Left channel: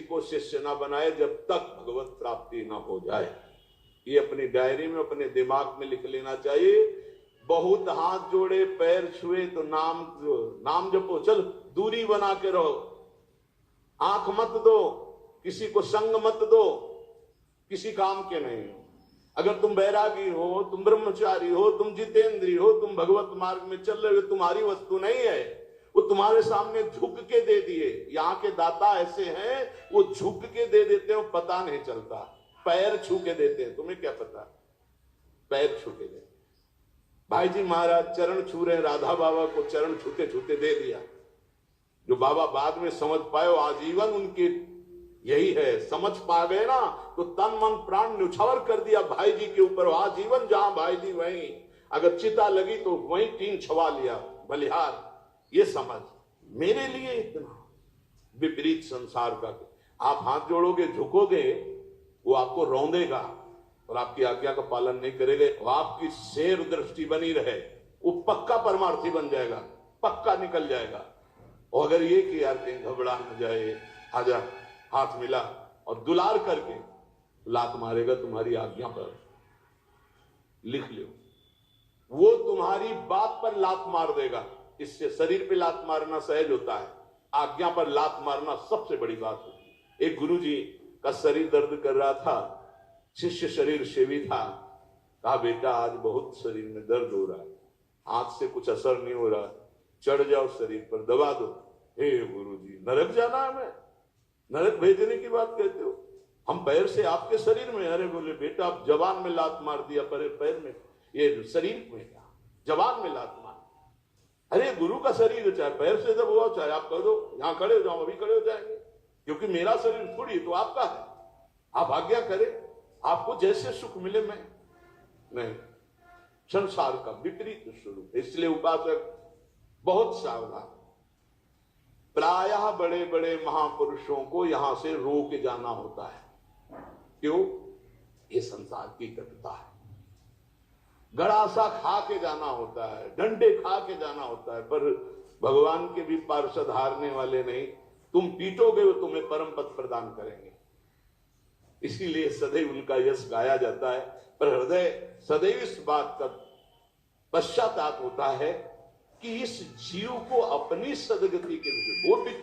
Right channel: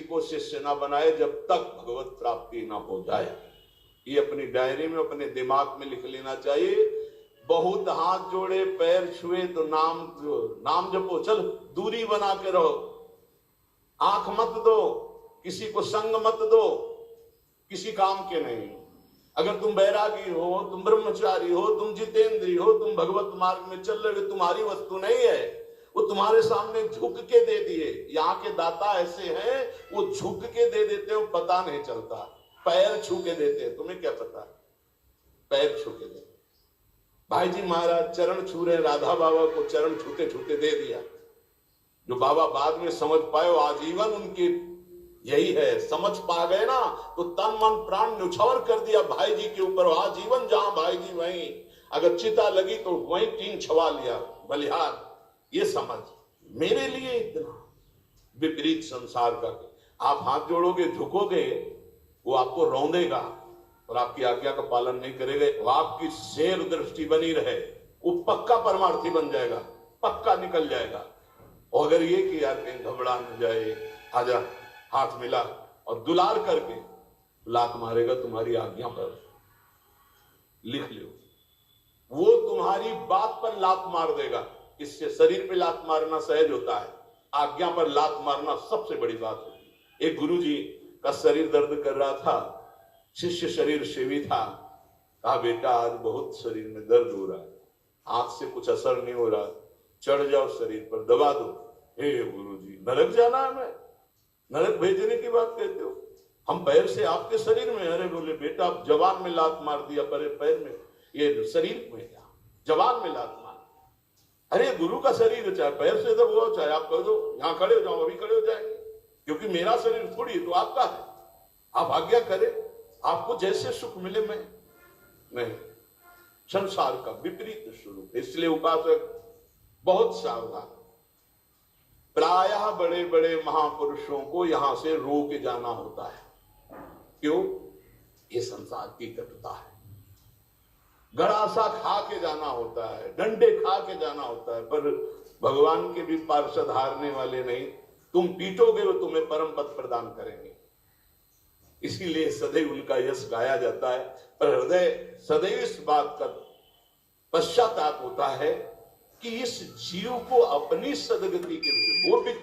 को शिष्य ना बनाए जब तक भगवत प्राप्ति ना हो जाए। ये अपनी डायरी में अपने दिमाग में लिख लेना चाहिए। बहुत हाथ जोड़े पैर छुए तो नाम जपो, चल दूरी बना के रहो, आंख मत दो, किसी को संग मत दो, किसी काम के नहीं हो। अगर तुम बैरागी हो, तुम ब्रह्मचारी हो, तुम जितेंद्री हो, तुम भगवत मार्ग में चल रहे हो, तुम्हारी वस्तु नहीं है, वो तुम्हारे सामने झुक के दे दिए। यहाँ के दाता ऐसे हैं, वो झुक के दे देते हैं, पता नहीं चलता, पैर छू के देते हैं। तुम्हें क्या पता, पैर छू के देते। भाई जी महाराज चरण छू रहे, राधा बाबा को चरण छूते छूते दे दिया। जो बाबा बाद में समझ पाए, आजीवन उनकी यही है, समझ पा गए ना, तो तन मन प्राण न्यौछावर कर दिया भाई जी के ऊपर। आजीवन जहां भाई जी वहीं, अगर चिता लगी तो वहीं टीन छवा लिया बलिहार। ये समझ मेरे लिए इतना विपरीत संसार का। आप हाथ जोड़ोगे, झुकोगे, वो आपको रौंदेगा और आपकी आज्ञा का पालन नहीं करेंगे। वो आपकी शेर दृष्टि बनी रहे, वो पक्का परमार्थी बन जाएगा, पक्का निकल जाएगा। और अगर ये कि यार कहीं घबरा न जाए, आजा, हाथ मिला और दुलार करके लात मारेगा तुम्हारी आज्ञा पर, लिख लो, वो तुम्हारी बात पर लात मार देगा। इससे शरीर पे लात मारना सहज होता है, आज्ञा पर लात मारना सबसे बड़ी बात होती है। एक गुरुजी का शरीर दर्द कर रहा था, शिष्य शरीर सेवी था, कहा बेटा आज बहुत शरीर में दर्द हो रहा है, हाथ से कुछ असर नहीं हो रहा, चढ़ जाओ शरीर पर, दबा दो। हे गुरुजी, नरक जाना है, मैं नरक भेजने की बात कहते हो, हम पैर से आपके शरीर में। अरे बोले बेटा आप जवान में लात मार दिया, पर पैर में, ये शरीर में क्या, जवान में लात मार। अरे गुरु का शरीर, चाहे पैर से दबाओ, चाहे आप कह दो यहां खड़े हो जाओ, अभी खड़े हो जाएंगे, क्योंकि मेरा शरीर थोड़ी तो आपका है। आप आज्ञा करें, आपको जैसे सुख मिले। मैं नहीं, संसार का विपरीत स्वरूप। इसलिए उपासक बहुत सावधान। प्रायः बड़े बड़े महापुरुषों को यहां से रो के जाना होता है। क्यों? ये संसार की कटुता है। गड़ासा खा के जाना होता है, डंडे खा के जाना होता है, पर भगवान के भी पार्षद हारने वाले नहीं। तुम पीटोगे वो तुम्हें परम पद प्रदान करेंगे। इसीलिए सदैव उनका यश गाया जाता है, पर हृदय सदैव इस बात का पश्चाताप होता है कि इस जीव को अपनी सदगति के लिए वो